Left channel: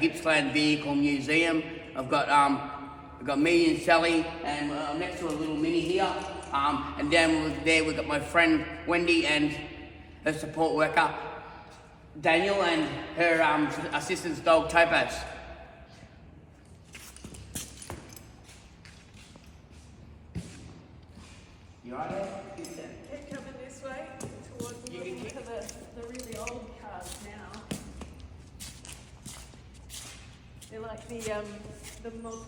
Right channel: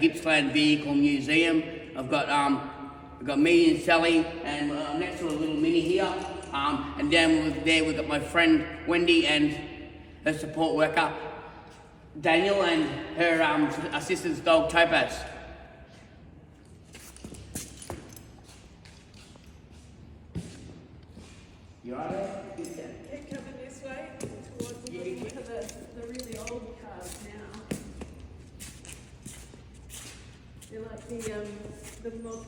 Gippsland Vehicle Museum. I've got me and Sally, and next to a little mini here. And down there we've got my friend Wendy and her support worker Daniel and her assistant's dog Topaz. You all right? Keep coming this way towards the really old cars now. They're like the model,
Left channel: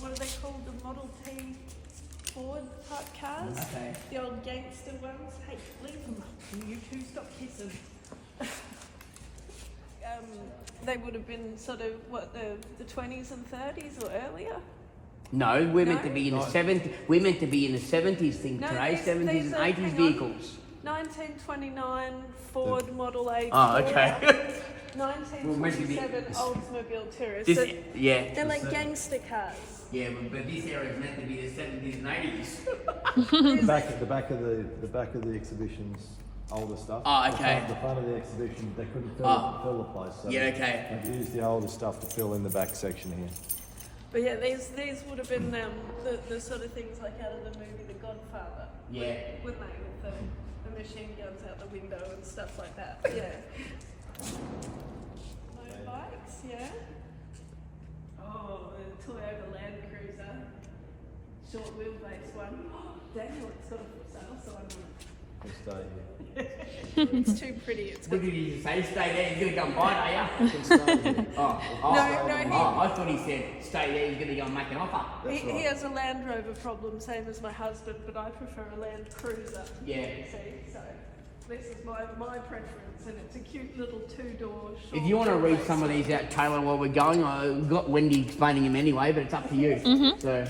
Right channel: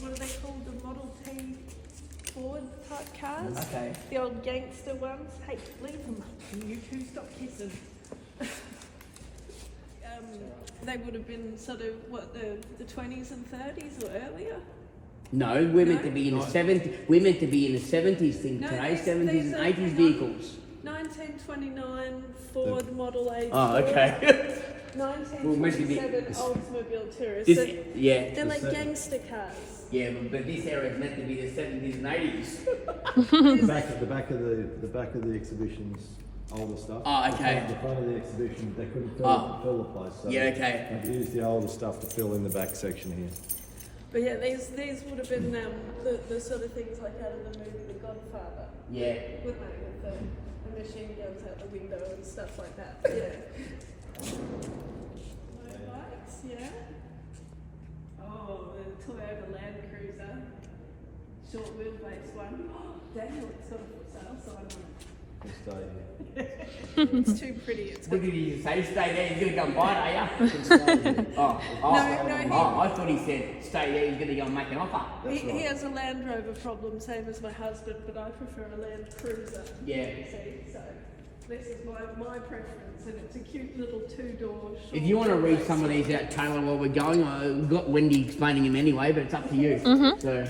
what are they called? The Model T Ford type cars. Okay. The old gangster ones. Hey, leave them up. You two stop kissing. They would have been sort of what the 20s and 30s or earlier. No, we're meant to be in the 70s. We're meant to be in the 70s thing today, 70s and 80s vehicles. 1929 Ford Model A. Oh, okay. 1927 Oldsmobile Tourist. This, So yeah. they're like gangster cars. Yeah, but this era is meant to be the 70s and 80s. The back of the exhibition's older stuff. Oh, okay. The front of the exhibition, they couldn't fill the place. So Yeah, okay. they used the older stuff to fill in the back section here. But yeah, these would have been the sort of things like out of the movie The Godfather. Yeah. Wouldn't they? With the machine guns out the window and stuff like that. Yeah. Motorbikes, yeah. Oh, the Toyota Land Cruiser. Short wheelbase one. Daniel, it's sort of for sale, so I want it. We'll stay here. It's too pretty. It's What got... did he say? Stay there, he's going to go and buy it, are you? You can stay here. Oh, I thought he said, stay there, he's going to go and make an offer. He has a Land Rover problem, same as my husband, but I prefer a Land Cruiser. Yeah. See, so this is my preference, and it's a cute little two-door. If you want to read some of these out, Tayla, while we're going, I've got Wendy explaining them anyway, but it's up to you. So.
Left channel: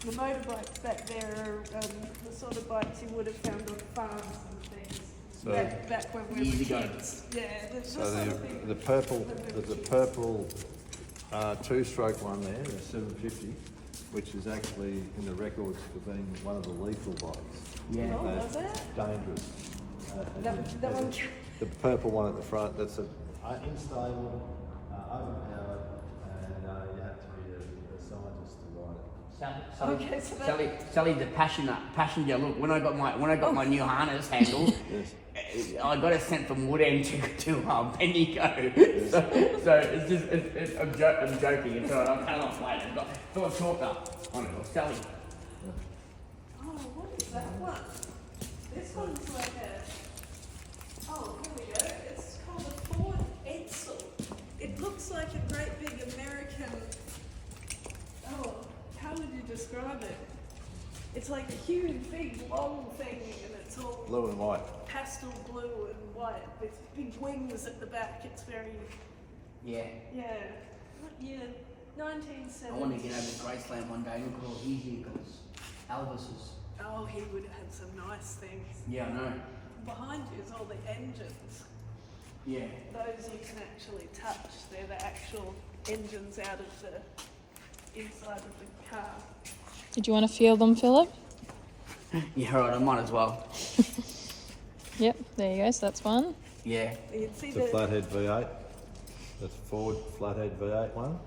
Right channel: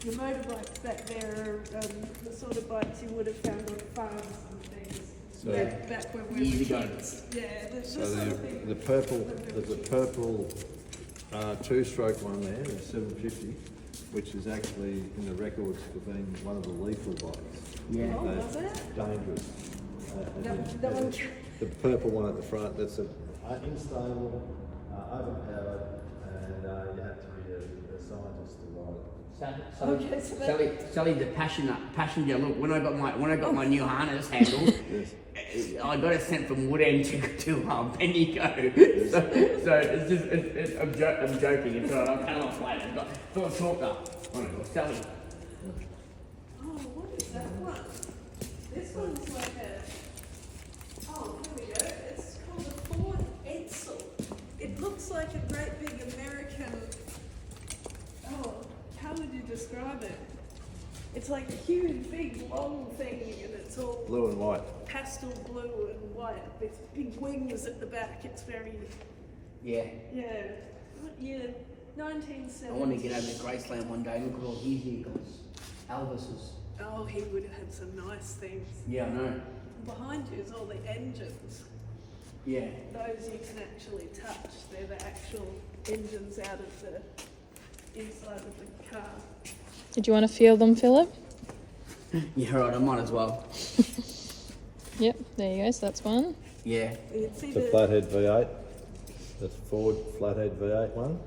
The motorbikes back there are the sort of bikes you would have found on farms and things. So back when we were years ago. kids. Yeah, there's So sort of thing. there's a purple two-stroke one there, the 750, which is actually in the records for being one of the lethal bikes. Yeah. Oh, was it? Dangerous. That one. The purple one at the front, that's a unstable, overpowered, and you have to be a scientist to ride it. Okay, so that- Sally's a passenger. Look, when I got my new harness handle, I got it sent from Woodend to Bendigo. So it's just I'm joking. It's alright. I'll cut off later. But thought I talked up. Oh no, Sally. Oh, what is that one? This one's like a. Oh, here we go. It's called a Ford Edsel. It looks like a great big American. Oh, how would you describe it? It's like a huge, big, long thing, and it's all Blue and white. pastel blue and white with big wings at the back. It's very, Yeah. what year? 1970. I want to get over to Graceland one day. Look at all his vehicles. Elvis's. Oh, he would have had some nice things. Yeah, I know. Behind you is all the engines. Yeah. Those you can actually touch. They're the actual engines out of the inside of the car. Did you want to feel them, Philip? Yeah, right. I might as well. Yep, there you go. So that's one. Yeah. You can see The flathead V8, the Ford flathead V8 one.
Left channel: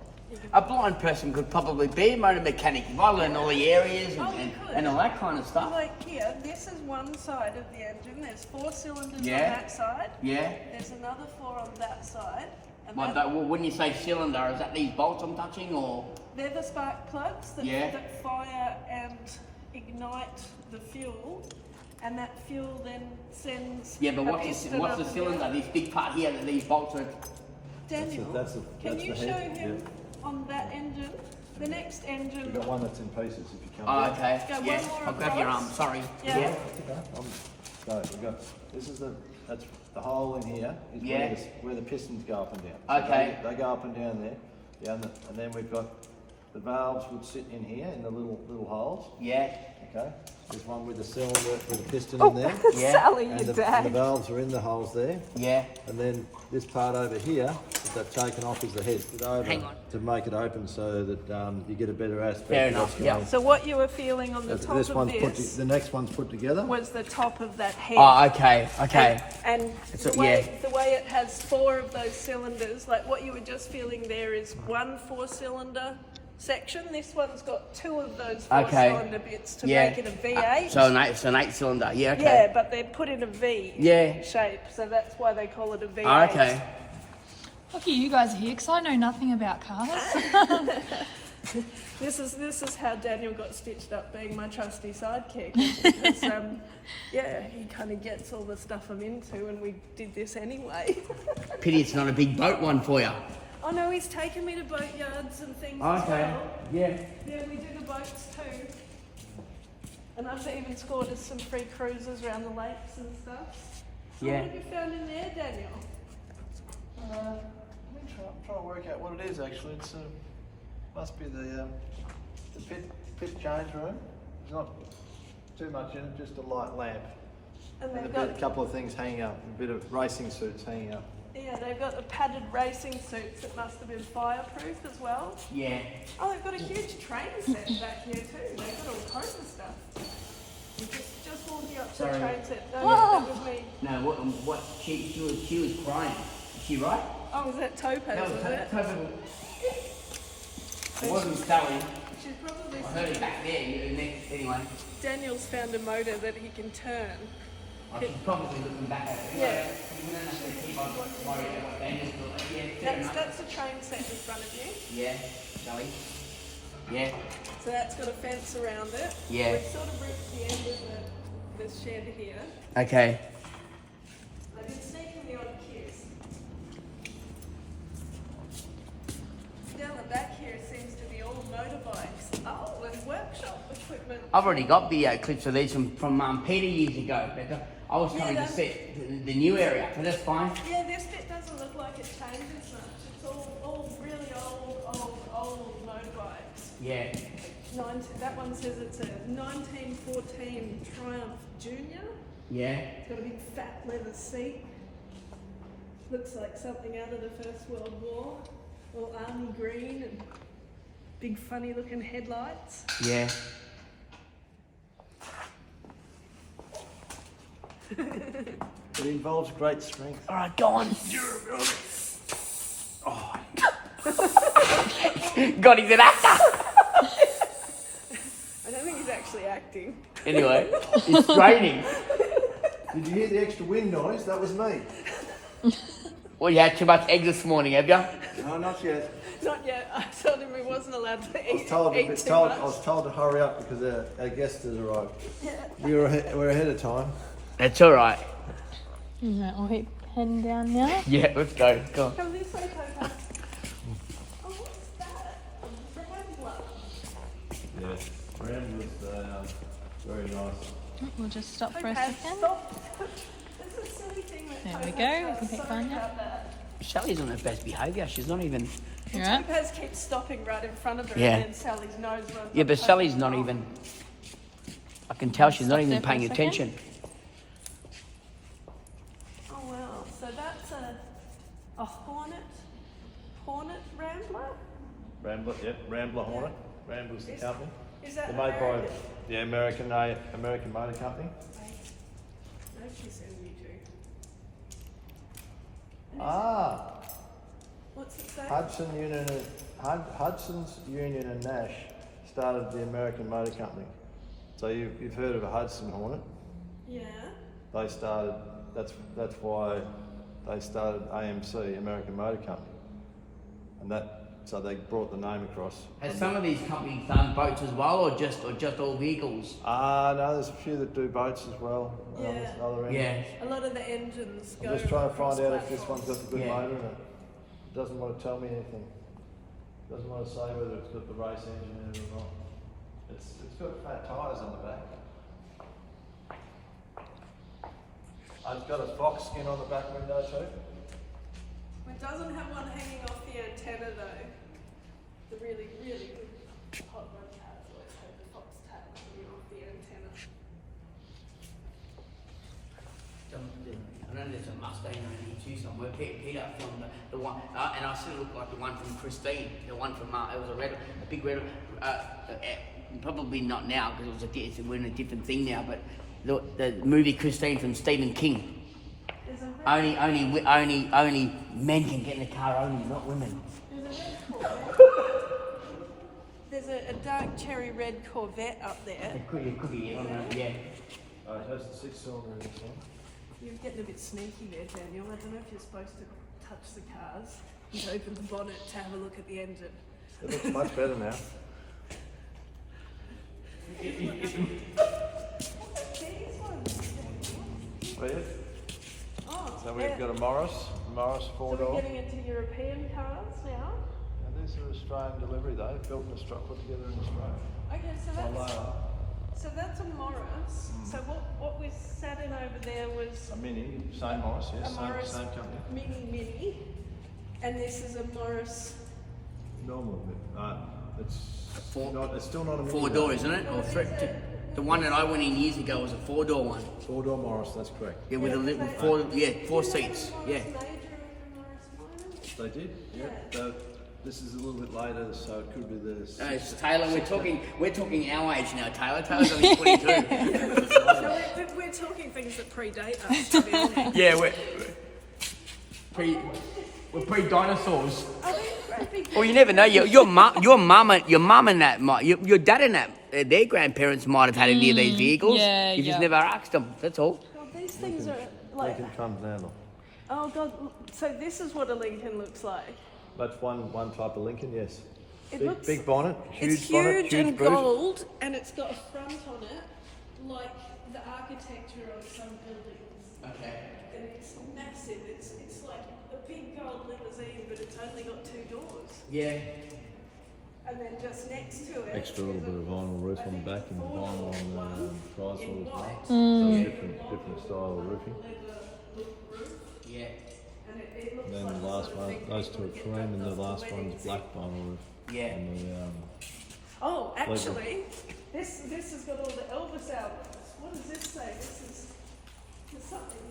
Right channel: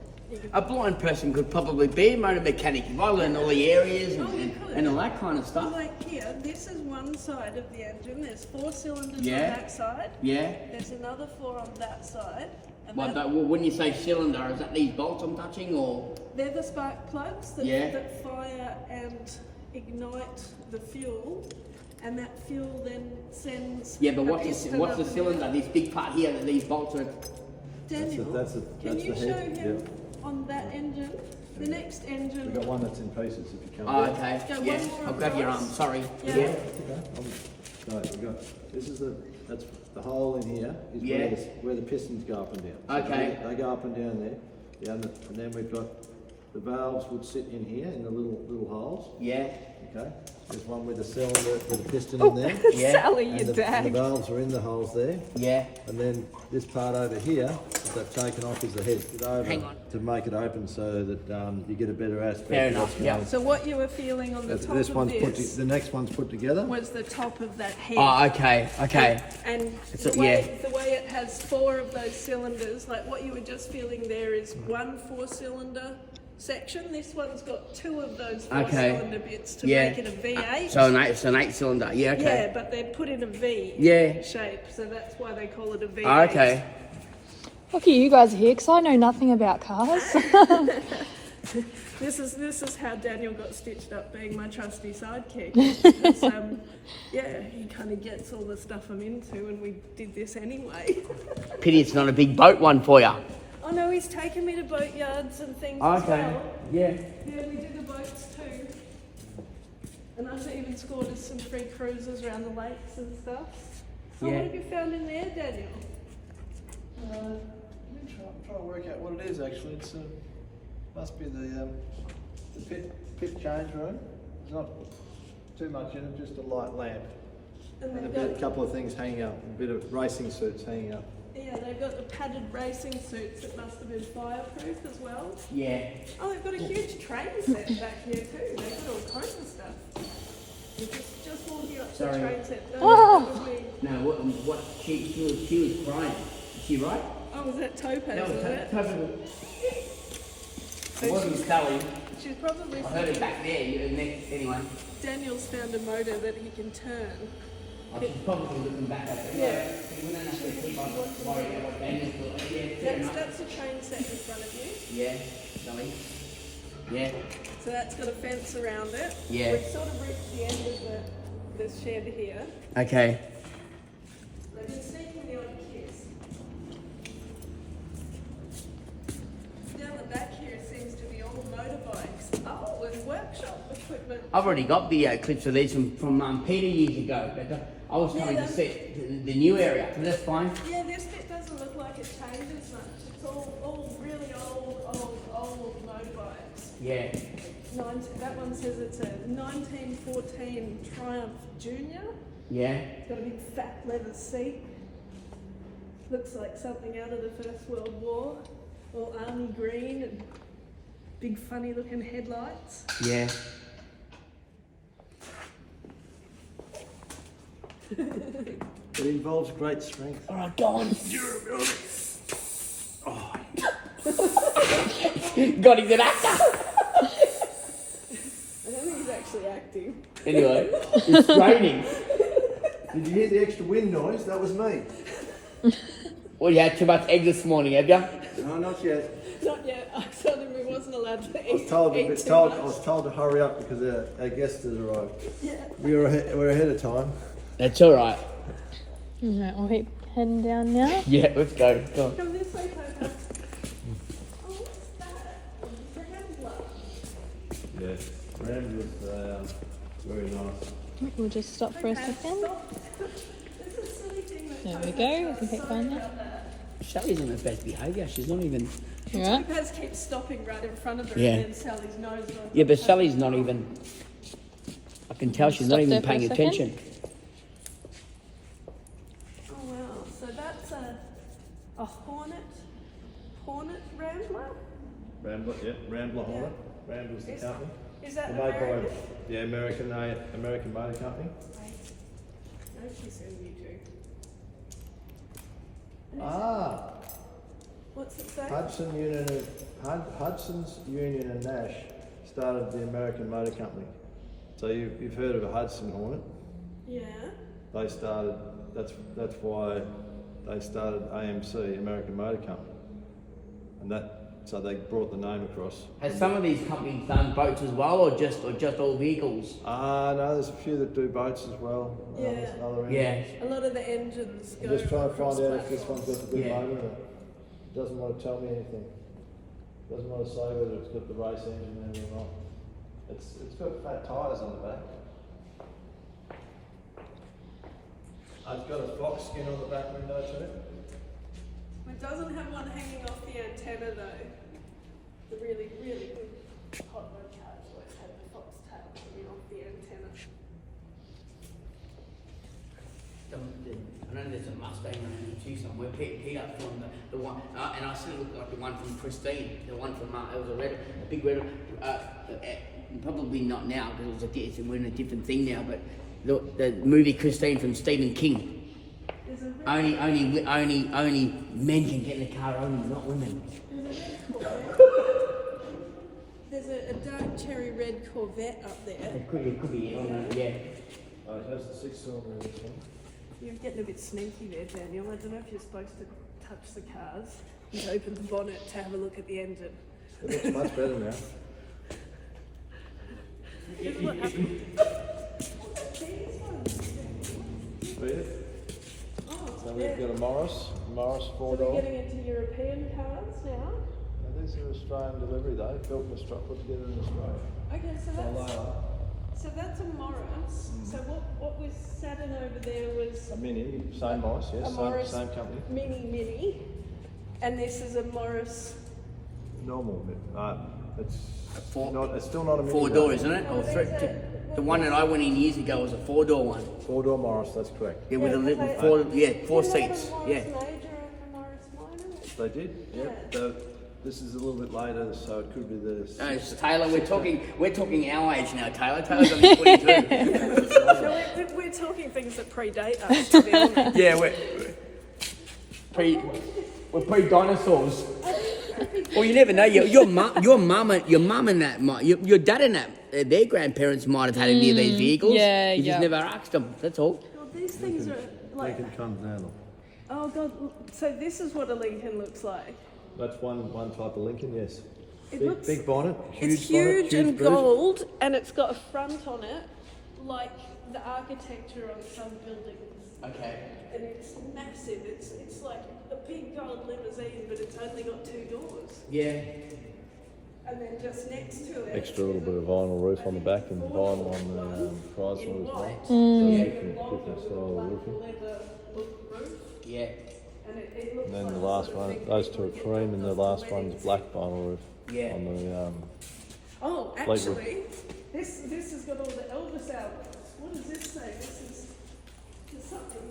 A blind person could probably be a motor mechanic if I learned all the areas Oh, you could. and all that kind of stuff. Like here, this is one side of the engine. There's 4 cylinders Yeah. on that side. Yeah. There's another 4 on that side. And Well, when you say cylinder, is that these bolts I'm touching or? they're the spark plugs that, Yeah. that fire and ignite the fuel. And that fuel then sends. Yeah, but a what's piston the up cylinder? here. This big part here that these bolts are. Daniel, That's can you the show head. him Yep. on that engine? The next engine. We've got one that's in pieces if you come Oh, down. okay. Go Yeah, one more I'll grab your arm. across. Sorry. Yeah. Yeah. No, we've got, this is that's the hole in here is Yeah. where the pistons go up and down. So Okay. They go up and down there. Yeah, and then we've got the valves would sit in here in the little holes. Yeah. Okay. There's one with a cylinder with a piston in there. Yeah. Sally, And your the dad. valves are in the holes there. Yeah. And then this part over here that they've taken off is the head. It over Hang on. to make it open so that you get a better aspect. Fair of enough, what's yeah. going. So what you were feeling on the top This of one's this the next one's put together. was the top of that head. Oh, okay, okay. And So, the way it has 4 of those cylinders, like what you were just feeling there is one 4-cylinder section. This one's got 2 of those 4-cylinder bits to Yeah. make it a V8. So it's an 8-cylinder. Yeah, okay. Yeah, but they're put in a V Yeah. shape, so that's why they call it a V8. Oh, okay. Lucky you guys are here because I know nothing about cars. This is how Daniel got stitched up, being my trusty sidekick. It's, yeah, he kind of gets all the stuff I'm into, and we did this anyway. Pity it's not a big boat one for you. Oh no, he's taken me to boat yards and things as Okay. well. Yeah. Yeah, we do the boats too. And I've even scored us some free cruises around the lakes and stuff. So Yeah. what have you found in there, Daniel? I'm trying to work out what it is actually. It's must be the pit change room. There's not too much in it, just a light lamp And and they've a got, couple of things hanging up, a bit of racing suits hanging up. yeah, they've got the padded racing suits that must have been fireproof as well. Yeah. Oh, they've got a huge train set back here too. They've got all kinds of stuff. You're just walking up to the Sorry. train set. No, that was me. No, what she was crying. Is she right? Oh, was that Topaz, was it? totally. It wasn't Sally. She's probably I heard it back there. Anyway. Daniel's found a motor that he can turn. I should probably looking back at it. Yeah. We don't have to keep on worrying about them. Yeah, That's a train set in front of you. Yeah, Sally. Yeah. So that's got a fence around it. Yeah. We've sort of reached the end of the shed here. Okay. I've been sneaking the odd kiss. Down the back here seems to be all motorbikes. Oh, and workshop equipment. I've already got the clips of these from Peter years ago. But I was trying to set the new area, but that's fine. Yeah, this bit doesn't look like it changes much. It's all really old motorbikes. Yeah. That one says it's a 1914 Triumph Junior. Yeah. Got a big fat leather seat. Looks like something out of the First World War. All army green and big funny looking headlights. Yeah. It involves great strength. All right, go on. God, he's an actor. I don't think he's actually acting. Anyway, it's raining. Did you hear the extra wind noise? That was me. Well, you had too much eggs this morning, have you? No, not yet. Not yet. I told him he wasn't allowed to eat. I was told eat too I much. was told to hurry up because our guest has arrived. We're ahead of time. That's all right. Alright, we'll keep heading down now. Yeah, let's go. Go on. Come this way, Topaz. Oh, what's that? Rambler. Yeah, Rambler's very nice. We'll just stop for a Topaz, second. stop. That's a silly thing that There we Topaz go, we does. can keep Sorry going now. about that. Sally's on her best behaviour. She's not even. Alright. Topaz keeps stopping right in front of her, Yeah. and then Sally's nose runs. Yeah, up but her. Sally's not even. I can tell she's not Stop even there for a paying second. attention. Oh wow! So that's a Hornet Rambler. Rambler, yeah, Rambler Hornet. Rambler's the Is- company. Is that They're made by American? American Motor Company. No, she said you do. And is- Ah, What's it say? Hudson's Union and Nash started the American Motor Company. So you've heard of a Hudson Hornet? Yeah. They started. That's why they started AMC, American Motor Company, and so they brought the name across. Has some of these companies done boats as well, or just all vehicles? No, there's a few that do boats as well. Yeah. Other Yeah. engines. A lot of the engines go. I'm just trying to across find out if this platforms. one's got the good Yeah. motor in it. It doesn't want to tell me anything. It doesn't want to say whether it's got the race engine in it or not. It's got fat tyres on the back. It's got a fox skin on the back window too. It doesn't have one hanging off the antenna though. The really good hot rod cars always have the helicopter's tail hanging off the antenna. I know there's a Mustang around here too somewhere. Peter filmed the one, and I said it looked like the one from Christine, the one from it was a big red. Probably not now because we're in a different thing now. But the movie Christine from Stephen King. There's a red Only men can get in the car, only not women. There's a dark cherry red Corvette up there. It could be, yeah. That's the 6-cylinder in this one. You're getting a bit sneaky there, Daniel. I don't know if you're supposed to touch the cars and open the bonnet to have a look at the engine. It looks much better now. These ones. Oh, yeah. Oh, So we've got a Morris so 4-door. we're getting into European cars now. And this is an Australian delivery though, built in Australia, put together in Australia. Okay, so that's a Morris. So what we sat in over there was A Mini, same Morris, yes, a Morris same company. Mini, and this is a Morris. Normal, it's Four- not. It's still not a Mini. 4-door, though. isn't it? Or the one that I went in years ago was a 4-door one. 4-door Morris, that's correct. Yeah, with a Yeah, little they- four Didn't they have seats. a Morris Yeah. Major and a Morris Minor? They did, yeah. Yeah. This is a little bit later, so it could be the. No, it's Taylor. We're talking our age now, Taylor. Taylor's only 22. No, we're talking things that predate us, to be honest. Yeah, we're pre-dinosaurs. Well, you never know. Your mum and your dad and that their grandparents might have had any of these vehicles. yeah, You just yeah. never asked them. That's all. God, these things are like. Lincoln comes now. Look. Oh God! So this is what a Lincoln looks like. That's one type of Lincoln, yes. It Big, looks- big bonnet, huge It's bonnet, huge and roof. gold, and it's got a front on it, like the architecture of some buildings. Okay. And it's massive. It's like a big gold limousine, but it's only got 2 doors. Yeah. And then just next to it, Extra little bit of vinyl roof on the back and vinyl on the in tristle as well. white. So different style of roofing. Leather roof. Yeah. And it looks And then like the last sort of one, thing those people two are picked cream, and the up last after one's weddings. black vinyl roof. Yeah. On the Oh, actually, this has got all the Elvis albums. What does this say? This is something.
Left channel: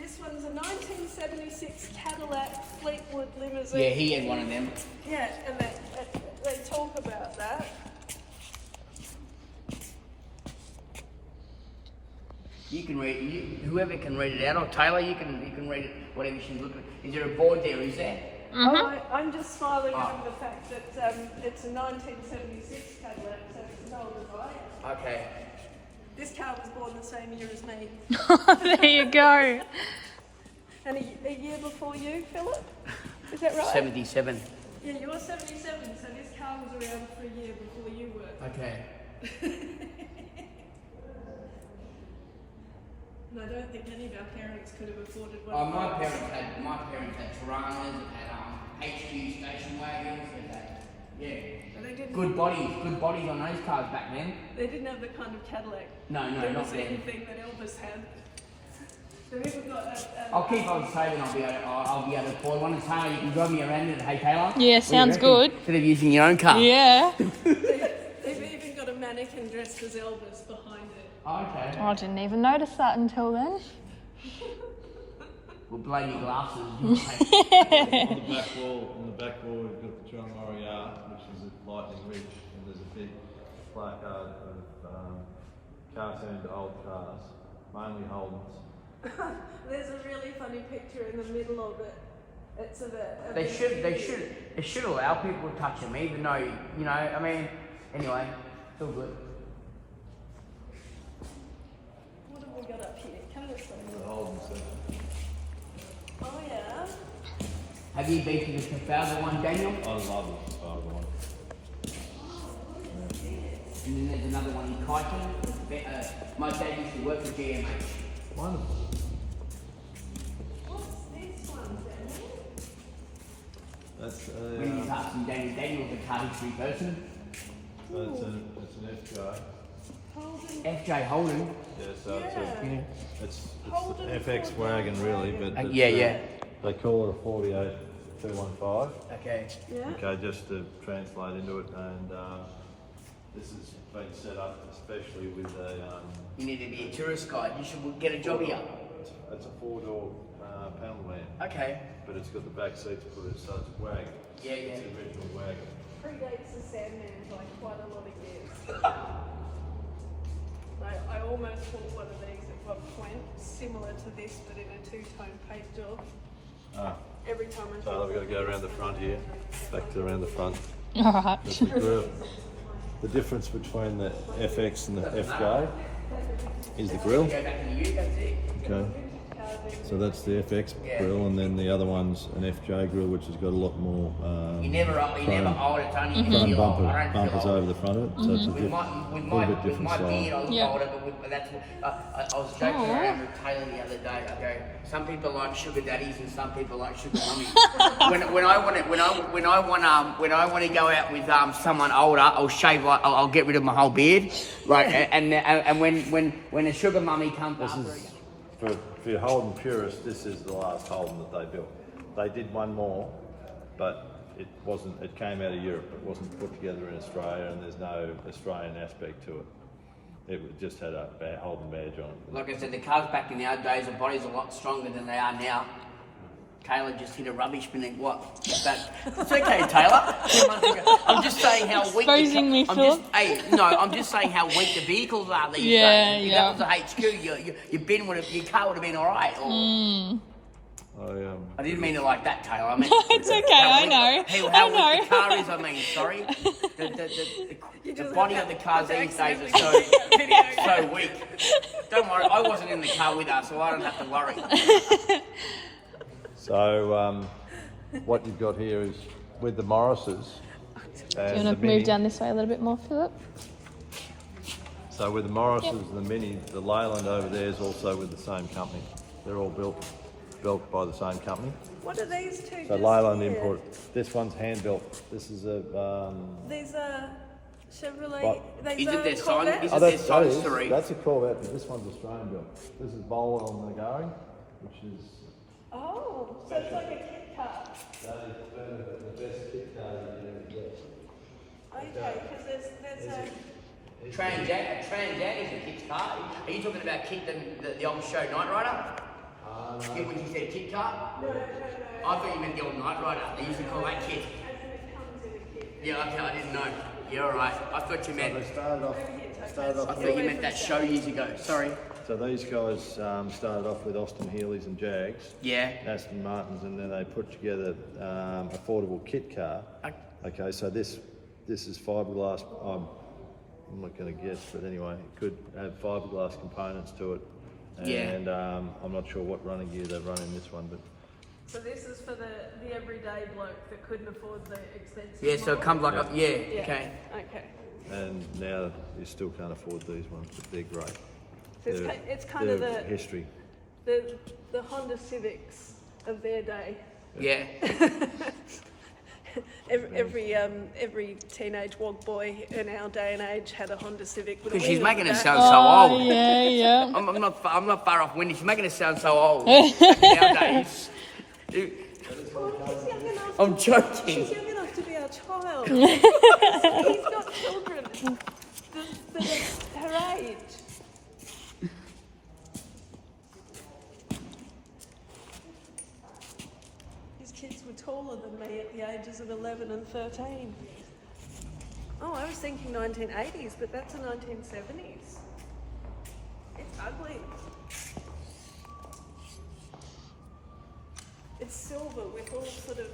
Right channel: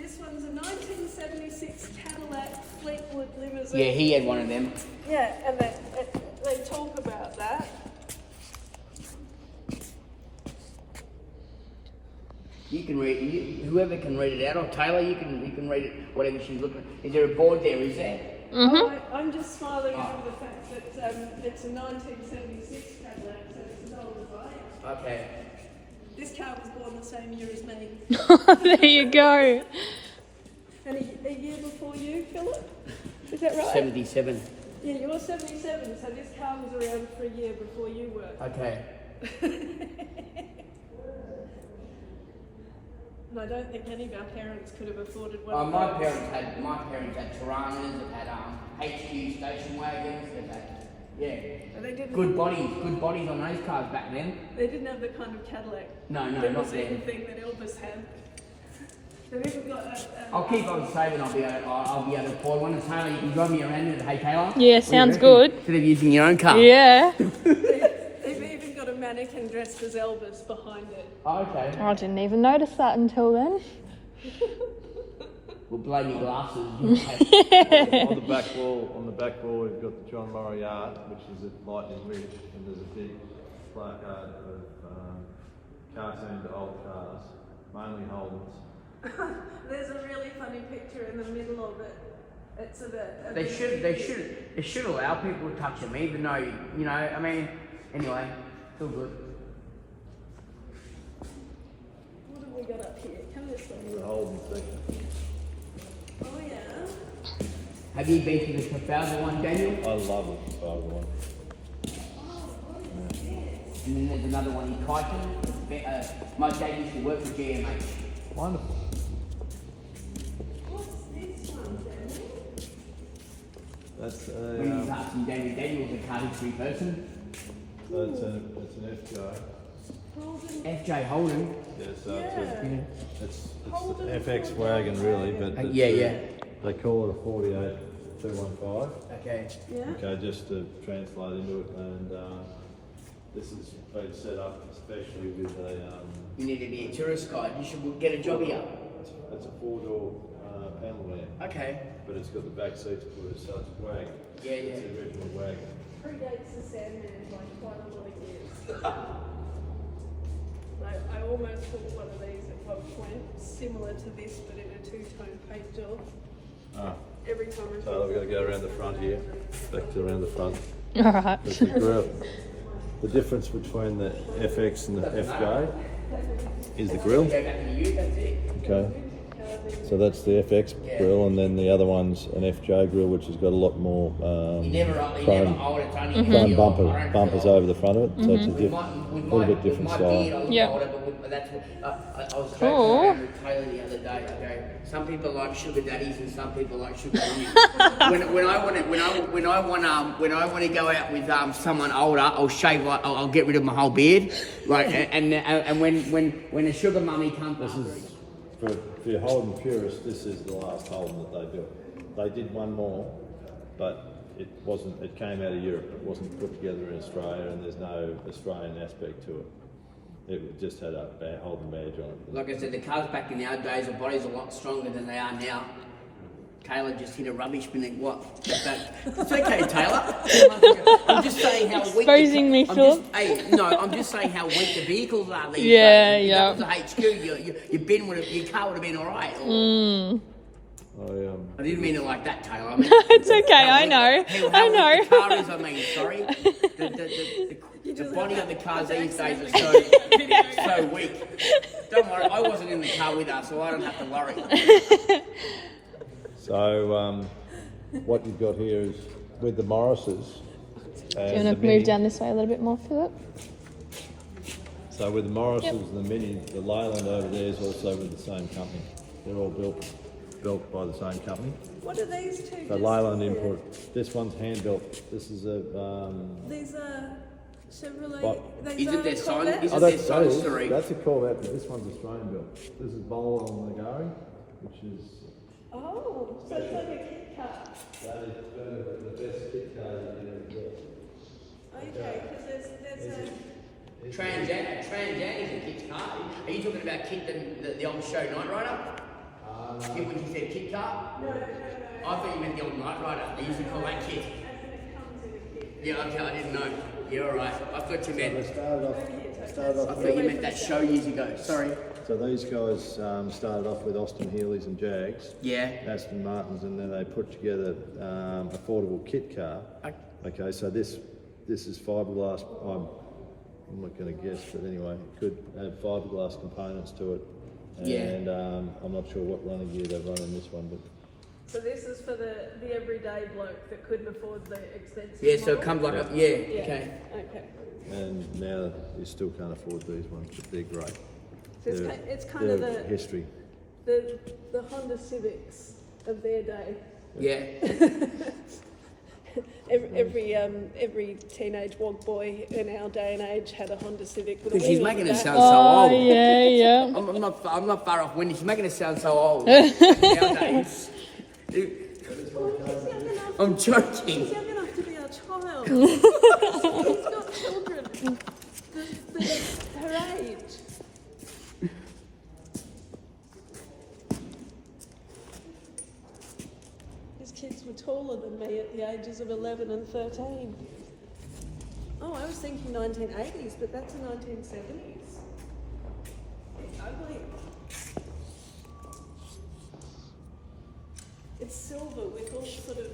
This one's a 1976 Cadillac Fleetwood limousine. Yeah, he had one of them. Yeah, and they talk about that. You can read. Whoever can read it out, or Taylor, you can read it. Whatever she's looking. Is there a board there? Is there? Oh, I'm just smiling over the fact that it's a 1976 Cadillac, so it's as old as I am. Okay. This car was born the same year as me. There you go. And a year before you, Philip? Is that right? 77. Yeah, you're 77, so this car was around for a year before you were. Okay. And I don't think any of our parents could have afforded one. Oh, of my those. parents had Tiranas, they had HQ station wagons, they had But they didn't. good bodies on those cars back then. They didn't have the kind of Cadillac. No, There not was then. anything that Elvis had. They've even got I'll keep on saving. I'll be able to afford one. And Taylor, you can drive me around in it. Hey, Taylor. Yeah, What do you sounds reckon? good. Instead of using your own car. Yeah. They've even got a mannequin dressed as Elvis behind it. Oh, okay. I didn't even notice that until then. We'll blame your glasses. on the back wall, we've got the John Moriarty, which is at Lightning Ridge, and there's a big placard of cartooned old cars, mainly Holdens. There's a really funny picture in the middle of it. It's a They should allow people to touch them, even though I mean. Anyway, it's all good. What have we got up here? Come this way. The Holden section. Oh yeah. Have you been to the Trafalgar one, Daniel? I love the Trafalgar one. And then there's another one in Kyneton. My dad used to work for GMH. Wonderful. What's this one, Daniel? That's When he's asking Daniel's a car history person. it's an FJ. Holden. FJ Holden. Yeah, so Yeah. it's Holden an FX 48 wagon really, but wagon. it's, Yeah. they call it a 48 215. Okay. Yeah. Okay, just to translate into it, and This has been set up especially with a, You need to be a tourist guide. You should get a job here. it's a 4-door panel van, Okay. but it's got the back seats put in, so it's a wagon. Yeah, yeah. It's the original wagon. Predates the Sandman by quite a lot of years. I almost bought one of these at one point, similar to this, but in a two-tone paint job. Ah. Every time I So we've got to go around the front here, back to around the front. Alright. There's the grill. The difference between the FX and the FJ is the grill. Go back to you, that's it. Okay. So that's the FX grill, and then the other one's an FJ grill, which has got a lot more You never chrome old it's only chrome bumpers over the front of it. So it's a little bit different style. Yeah. But that's what I was joking Cool. around with Tayla the other day. I go, some people like sugar daddies and some people like sugar mummies. when I want to go out with someone older, I'll shave. I'll get rid of my whole beard. Like and when a sugar mummy comes. For your Holden purists, this is the last Holden that they built. They did one more, but it wasn't. It came out of Europe. It wasn't put together in Australia, and there's no Australian aspect to it. It just had a Holden badge on it. Like I said, the cars back in our days, the body's a lot stronger than they are now. Taylor just hit a rubbish bin and what? It's okay, Taylor. I'm just saying how weak. Exposing me, Philip. I'm just saying how weak the vehicles are these days. If that was the HQ, your bin your car would have been all right. I didn't mean it like that, Taylor. I mean, It's okay, I know. How weak the car is. I mean, sorry. The body of the cars these days are so weak. Don't worry, I wasn't in the car with her, so I don't have to worry. So what you've got here is with the Morrises. Do you want to move down this way a little bit more, Philip? So with the Morrises and the Mini, the Leyland over there is also with the same company. They're all built by the same company. What are these two? So Leyland import. This one's hand built. This is a. These are Chevrolet. What? These Is it are their sign? Corvettes? Is it their sign story? That's a Corvette, but this one's Australian built. This is Bowler on the going, which is. Oh, so it's like a kit car. That is the best kit car you can ever get. Okay, because there's a. Trans Am is a kit car. Are you talking about Kit, the old show Knight Rider? Kit, when you said kit car? No. I thought you meant the old Knight Rider. They used to call that kit. As in it comes in a kit. Yeah, okay, I didn't know. You're alright. I thought you They meant. started off I thought you meant that show years ago. Sorry. So these guys started off with Austin Healey's and Jags, Yeah. Aston Martins, and then they put together affordable kit car. Okay, so this is fiberglass. I'm not going to guess, but anyway, it could have fiberglass components to it. And I'm not sure what running gear they've run in this one, but. So this is for the everyday bloke that couldn't afford the expensive. Yeah, so it comes like a. Yeah, Yeah. okay. Okay. And now you still can't afford these ones, but they're great. So it's kind of They're the history. the Honda Civics of their day. Yeah. Every teenage wog boy in our day and age had a Honda Civic. Because she's making us sound so old. Yeah. I'm not far off Wendy. She's making us sound so old. Nowadays. I'm joking. She's young enough to be our child. He's got children that are her age. These kids were taller than me at the ages of 11 and 13. Oh, I was thinking 1980s, but that's the 1970s. It's ugly. It's silver with all sort of,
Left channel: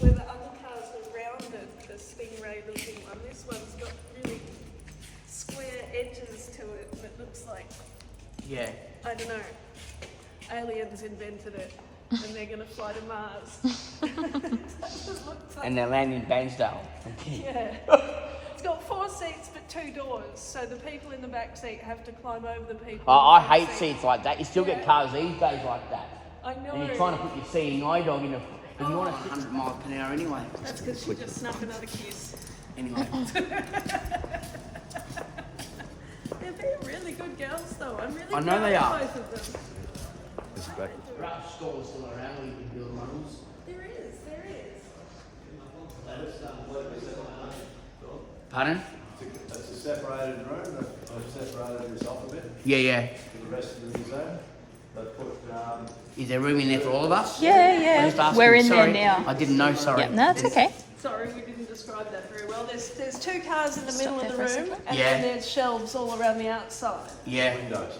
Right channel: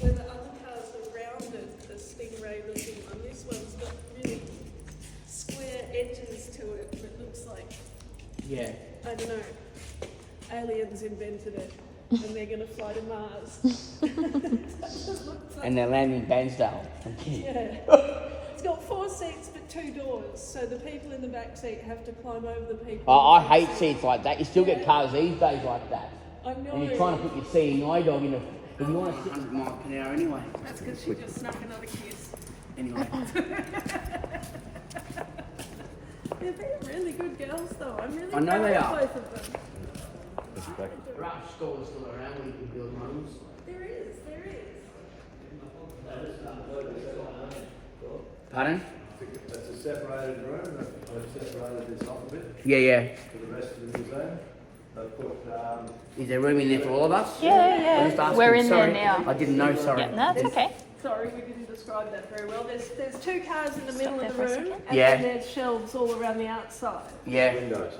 where the other cars are rounded, the Stingray looking one. This one's got really square edges to it that looks like, Yeah. I don't know, aliens invented it and they're going to fly to Mars. And they're landing in Bansdale. Yeah. It's got 4 seats but 2 doors, so the people in the back seat have to climb over the people. I in the front hate seat. seats like that. You still get cars these days like that. I know. And you're trying to put your CNI dog in a. If you want to 100 miles per hour anyway. That's because she just snuck another kiss. Anyway. They're really good girls though. I'm really I know proud they of are. both of them. There are stores still around where you can build homes. There is, there is. Pardon? Took the designated room that they've separated this off a bit Yeah. to the rest of the museum. They've put, Is there room in there for all of us? Yeah, I'm just asking, We're in sorry. there now. I didn't know, sorry. Yeah, no, it's okay. Sorry, we didn't describe that very well. There's 2 cars in the Stop middle of the there for a room, second. and Yeah. then there's shelves all around the outside. Yeah. windows.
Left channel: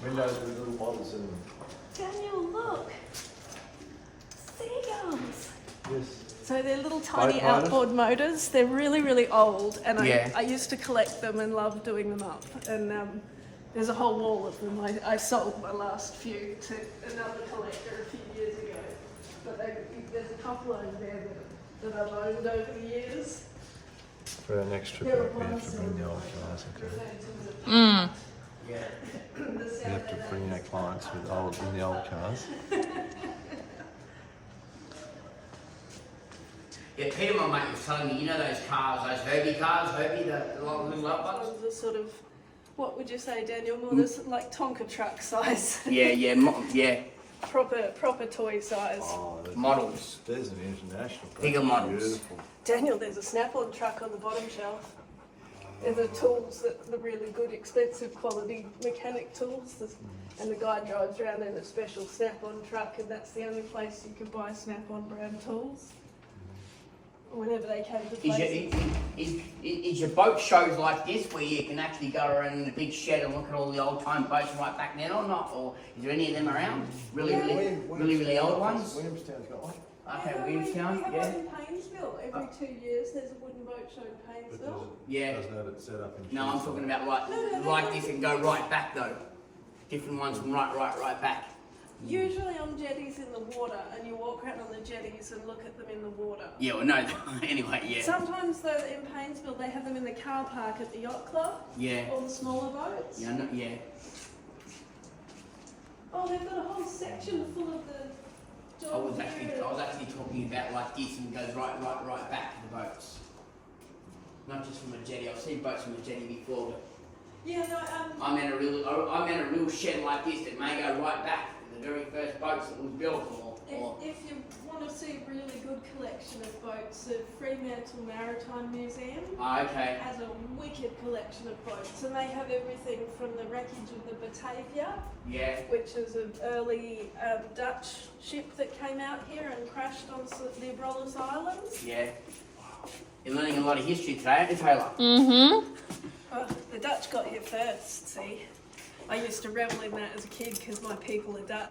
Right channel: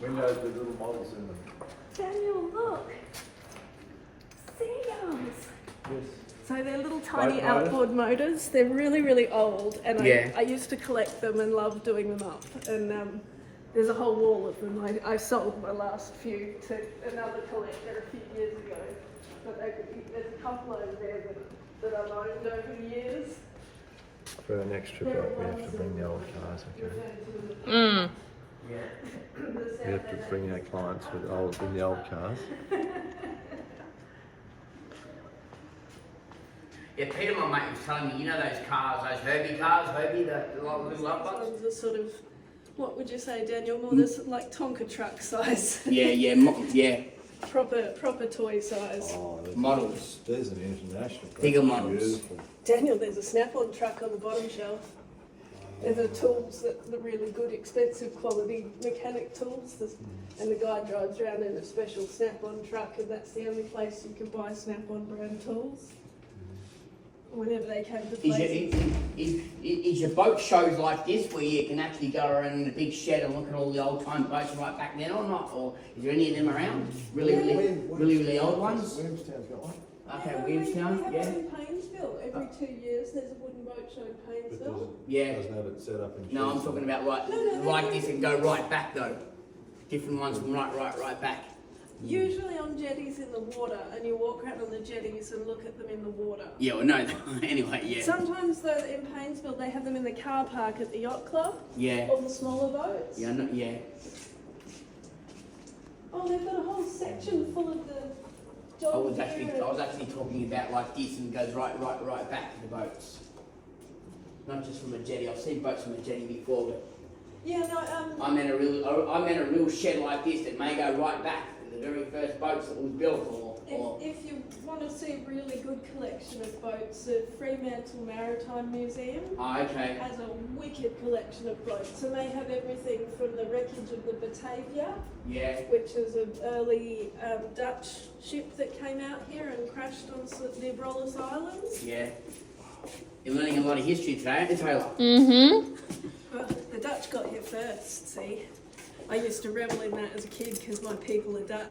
Windows with little models in them. Daniel, look! Seagulls! Yes. So they're little tiny Boat motors? outboard motors. They're really, really old, and Yeah. I used to collect them and love doing them up. And there's a whole wall of them. I sold my last few to another collector a few years ago. But there's a couple over there that I've owned over the years. For the next trip They're out, we have ones to bring the old that cars, okay? referred to as a Mm. Yeah. We have to bring our clients in the old cars. Yeah, Peter, my mate, was telling me, you know those cars, those Herbie cars, the little love ones? ones are sort of, what would you say, Daniel? More this like Tonka truck size. Yeah, proper toy size. Oh, models. There's an international. Bigger models. Beautiful. Daniel, there's a Snap-on truck on the bottom shelf. They're the tools, the really good, expensive quality mechanic tools. And the guy drives around in a special Snap-on truck, and that's the only place you can buy Snap-on brand tools. Whenever they came to places. Is your boat shows like this where you can actually go around in a big shed and look at all the old time boats right back then or not? Or is there any of them around? Really old ones? Williamstown's got one. Okay, Williamstown, We have yeah. one in Painesville. Every 2 years there's a wooden boat show in Painesville. Yeah. Doesn't have it set up in. No, I'm Tucson. talking about No, like this and go right back though. Different ones from right back. Usually on jetties in the water, and you walk around on the jetties and look at them in the water. Yeah, well no, anyway, yeah. Sometimes though in Painesville they have them in the car park at the yacht club. Yeah. All the smaller boats. Yeah, no, yeah. Oh, they've got a whole section full of the I was actually talking about like this and goes right back to the boats. Not just from a jetty. I've seen boats from a jetty before, but Yeah, no, I meant a real shed like this that may go right back to the very first boats that was built or if you want to see a really good collection of boats, the Fremantle Maritime Museum okay. has a wicked collection of boats, and they have everything from the wreckage of the Batavia, Yeah. which is an early Dutch ship that came out here and crashed on the Abrolhos Islands. Yeah. You're learning a lot of history today, aren't you, Taylor? Mm-hmm. Well, the Dutch got here first, see. I used to revel in that as a kid because my people are Dutch.